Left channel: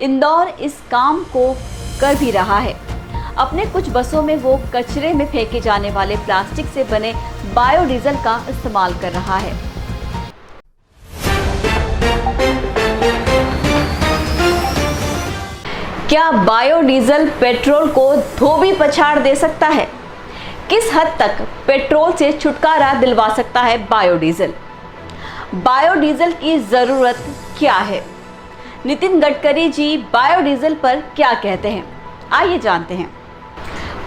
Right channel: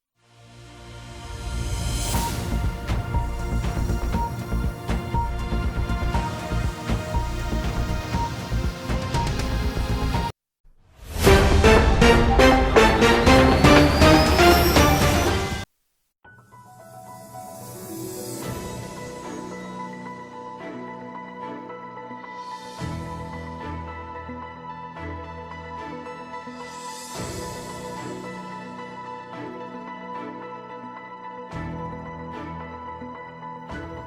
इंदौर इस काम को कर भी रहा है। अपने कुछ बसों में वो कचरे में फेंके जाने वाले प्लास्टिक से बने बायोडीजल का इस्तेमाल कर रहा है। क्या बायोडीजल पेट्रोल को धोबी पछाड़ दे सकता है? किस हद तक पेट्रोल से छुटकारा दिलवा सकता है बायोडीजल? बायोडीजल की जरूरत क्या है? नितिन गडकरी जी बायोडीजल पर क्या कहते हैं, आइए जानते हैं।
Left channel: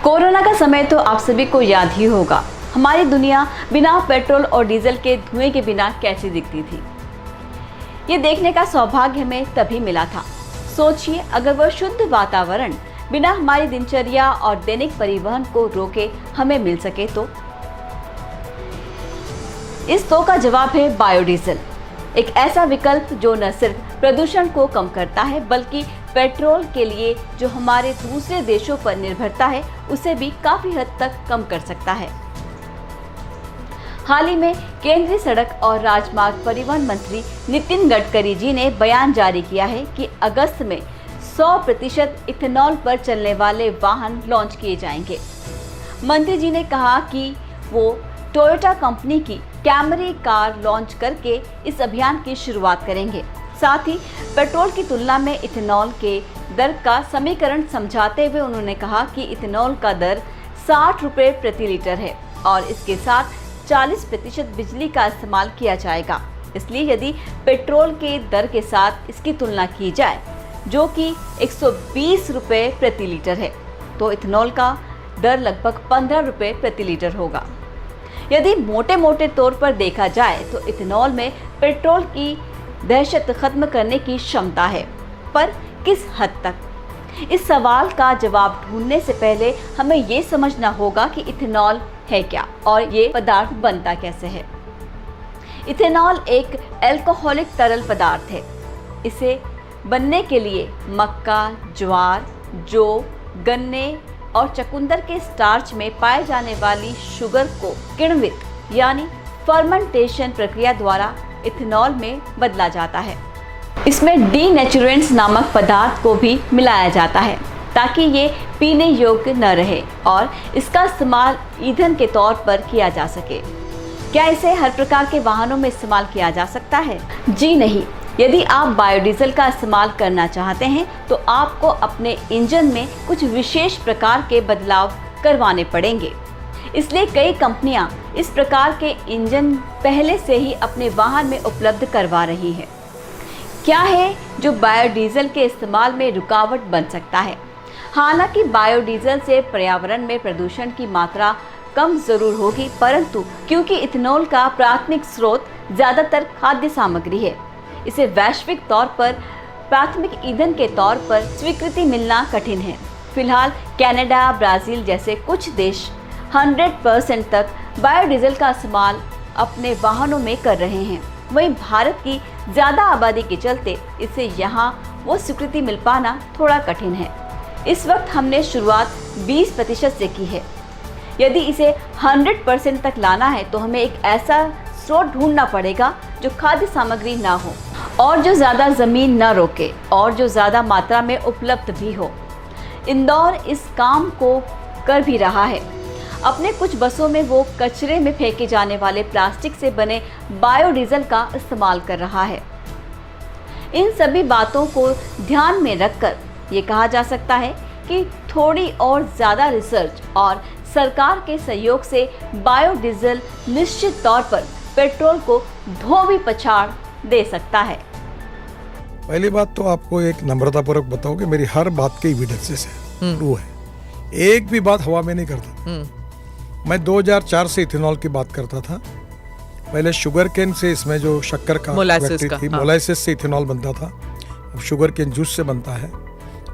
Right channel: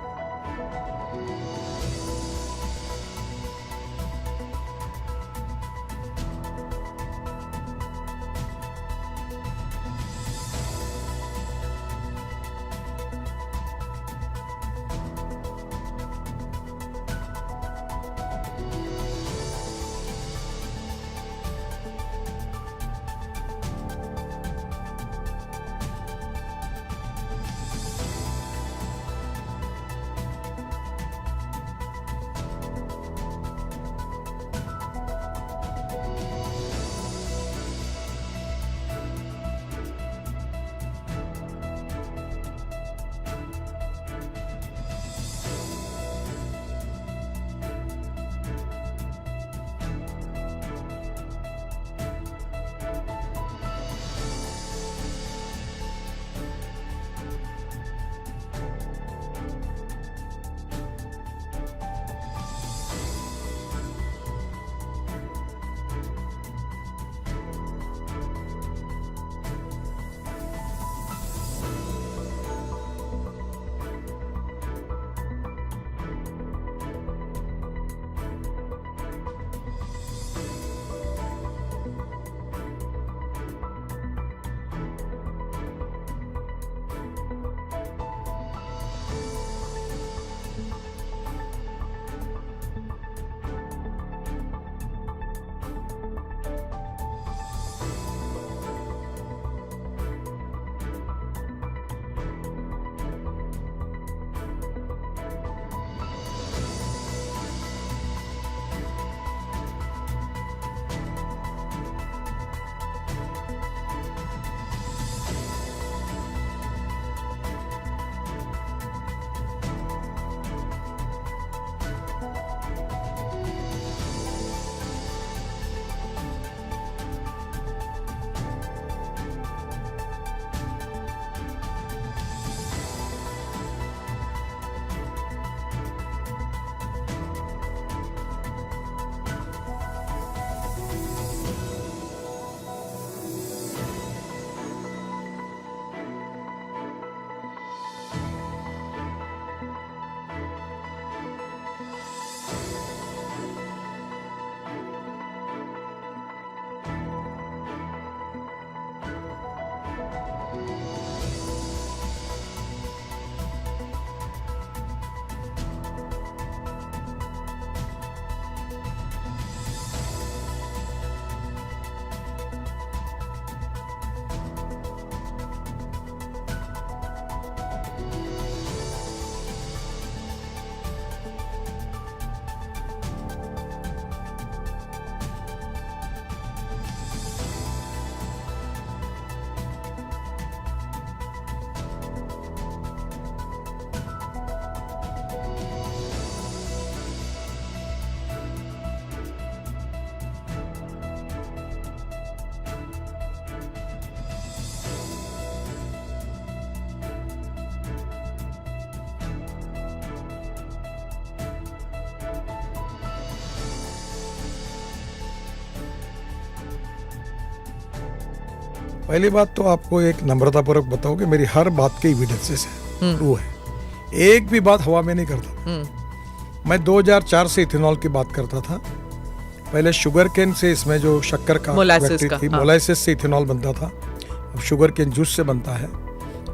कोरोना का समय तो आप सभी को याद ही होगा। हमारी दुनिया बिना पेट्रोल और डीजल के धुएं के बिना कैसी दिखती थी, ये देखने का सौभाग्य हमें तभी मिला था। सोचिए, अगर वह शुद्ध वातावरण बिना हमारी दिनचर्या और दैनिक परिवहन को रोके हमें मिल सके तो। इस तो का जवाब है बायोडीजल, एक ऐसा विकल्प जो न सिर्फ प्रदूषण को कम करता है बल्कि पेट्रोल के लिए जो हमारे दूसरे देशों पर निर्भरता है उसे भी काफी हद तक कम कर सकता है। हाल ही में केंद्रीय सड़क और राजमार्ग परिवहन मंत्री नितिन गडकरी जी ने बयान जारी किया है कि अगस्त में 100% इथेनॉल पर चलने वाले वाहन लॉन्च किए जाएंगे। मंत्री जी ने कहा कि वो टोयोटा कंपनी की कैमरी कार लॉन्च करके इस अभियान की शुरुआत करेंगे। साथ ही पेट्रोल की तुलना में इथेनॉल के दर का समीकरण समझाते हुए उन्होंने कहा कि इथेनॉल का दर 60 रुपए प्रति लीटर है और इसके साथ 40% बिजली का इस्तेमाल किया जाएगा। इसलिए यदि पेट्रोल के दर के साथ इसकी तुलना की जाए जो कि 120 रुपए प्रति लीटर है, तो इथेनॉल का दर लगभग 15 रुपए प्रति लीटर होगा। यदि मोटे तौर पर देखा जाए तो इथेनॉल में पेट्रोल की दहशत खत्म करने की क्षमता है, पर किस हद तक? इस सवाल का जवाब ढूंढने से पहले हमें ये समझना होगा कि इथेनॉल है क्या और ये पदार्थ बनता कैसे है। इथेनॉल एक अल्कोहलिक तरल पदार्थ है। इसे बनने के लिए मक्का, ज्वार, जौ, गन्ने और चकुंदर के स्टार्च में पाए जाने वाली शुगर को किण्वित यानी फर्मेंटेशन प्रक्रिया द्वारा इथेनॉल में बदला जाता है। इसमें डीनेचुरेंट्स नामक पदार्थ को भी मिलाया जाता है ताकि ये पीने योग्य न रहे और इसका इस्तेमाल ईंधन के तौर पर किया जा सके। क्या इसे हर प्रकार के वाहनों में इस्तेमाल किया जा सकता है? जी नहीं। यदि आप बायोडीजल का इस्तेमाल करना चाहते हैं तो आपको अपने इंजन में कुछ विशेष प्रकार के बदलाव करवाने पड़ेंगे। इसलिए कई कंपनियां इस प्रकार के इंजन पहले से ही अपने वाहन में उपलब्ध करवा रही है। क्या है जो बायोडीजल के इस्तेमाल में रुकावट बन सकता है? हालांकि बायोडीजल से पर्यावरण में प्रदूषण की मात्रा कम जरूर होगी, परंतु क्योंकि इथेनॉल का प्राथमिक स्रोत ज्यादातर खाद्य सामग्री है, इसे वैश्विक तौर पर प्राथमिक ईंधन के तौर पर स्वीकृति मिलना कठिन है। फिलहाल कनाडा, ब्राजील जैसे कुछ देश 100% तक बायोडीजल का इस्तेमाल अपने वाहनों में कर रहे हैं। वहीं भारत की ज्यादा आबादी के चलते इसे यहाँ वो स्वीकृति मिल पाना थोड़ा कठिन है। इस वक्त हमने शुरुआत 20% से की है। यदि इसे 100% तक लाना है तो हमें एक ऐसा स्रोत ढूंढना पड़ेगा जो खाद्य सामग्री ना हो और जो ज्यादा जमीन न रोके और जो ज्यादा मात्रा में उपलब्ध भी हो। इंदौर इस काम को कर भी रहा है। अपने कुछ बसों में वो कचरे में फेंके जाने वाले प्लास्टिक से बने बायोडीजल का इस्तेमाल कर रहा है। इन सभी बातों को ध्यान में रखकर ये कहा जा सकता है कि थोड़ी और ज्यादा रिसर्च और सरकार के सहयोग से बायोडीजल निश्चित तौर पर पेट्रोल को धोबी पछाड़ दे सकता है। पहली बात तो आपको एक नम्रतापूर्वक बताओ कि मेरी हर बात की एविडेंसेस है, ट्रू है। एक भी बात हवा में नहीं करता। मैं 2004 से इथेनॉल की बात करता था। पहले शुगर केन से इसमें जो शक्कर का फैक्ट्री थी, मोलाइसिस से इथेनॉल बनता था। अब शुगर केन जूस से बनता है।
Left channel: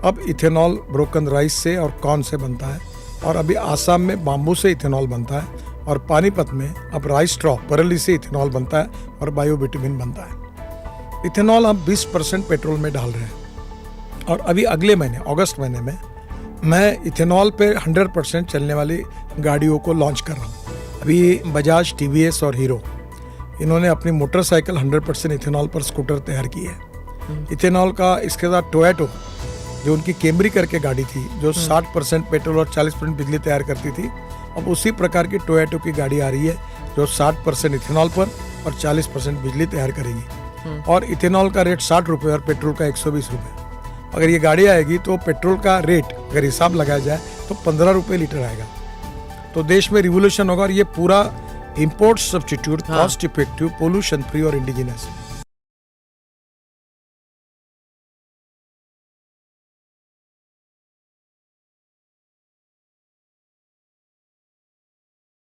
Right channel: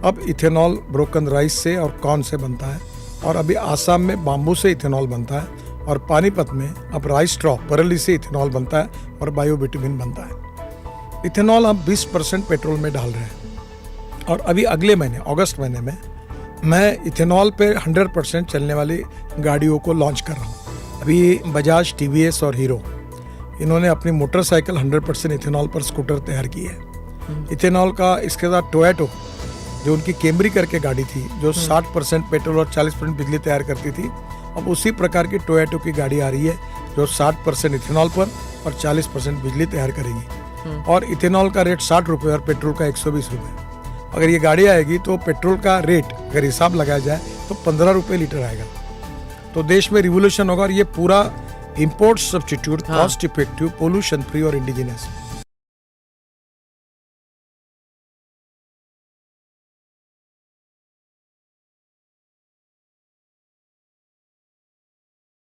अब इथेनॉल ब्रोकन राइस से और कॉर्न से बनता है। और अभी आसाम में बाम्बू से इथेनॉल बनता है। और पानीपत में अब राइस स्ट्रॉ बरेली से इथेनॉल बनता है और बायोबिटुमिन बनता है। इथेनॉल हम 20% पेट्रोल में डाल रहे हैं। और अभी अगले महीने अगस्त महीने में मैं इथेनॉल पे 100% चलने वाली गाड़ियों को लॉन्च कर रहा हूँ। अभी बजाज, टीवीएस और हीरो इन्होंने अपनी मोटरसाइकिल 100% इथेनॉल पर स्कूटर तैयार की है। इथेनॉल का इसके साथ टोयोटा जो उनकी कैमरी करके गाड़ी थी जो 60% पेट्रोल और 40% बिजली तैयार करती थी, अब उसी प्रकार की टोयोटा की गाड़ी आ रही है जो 60% इथेनॉल पर और 40% बिजली तैयार करेगी। और इथेनॉल का रेट 60 रुपये और पेट्रोल का 120 रुपये। अगर ये गाड़ी आएगी तो पेट्रोल का रेट अगर हिसाब लगाया जाए तो 15 रुपये लीटर आएगा। तो देश में रिवोल्यूशन होगा और ये पूरा import substitute, cost effective, pollution free और इंडिजिनस।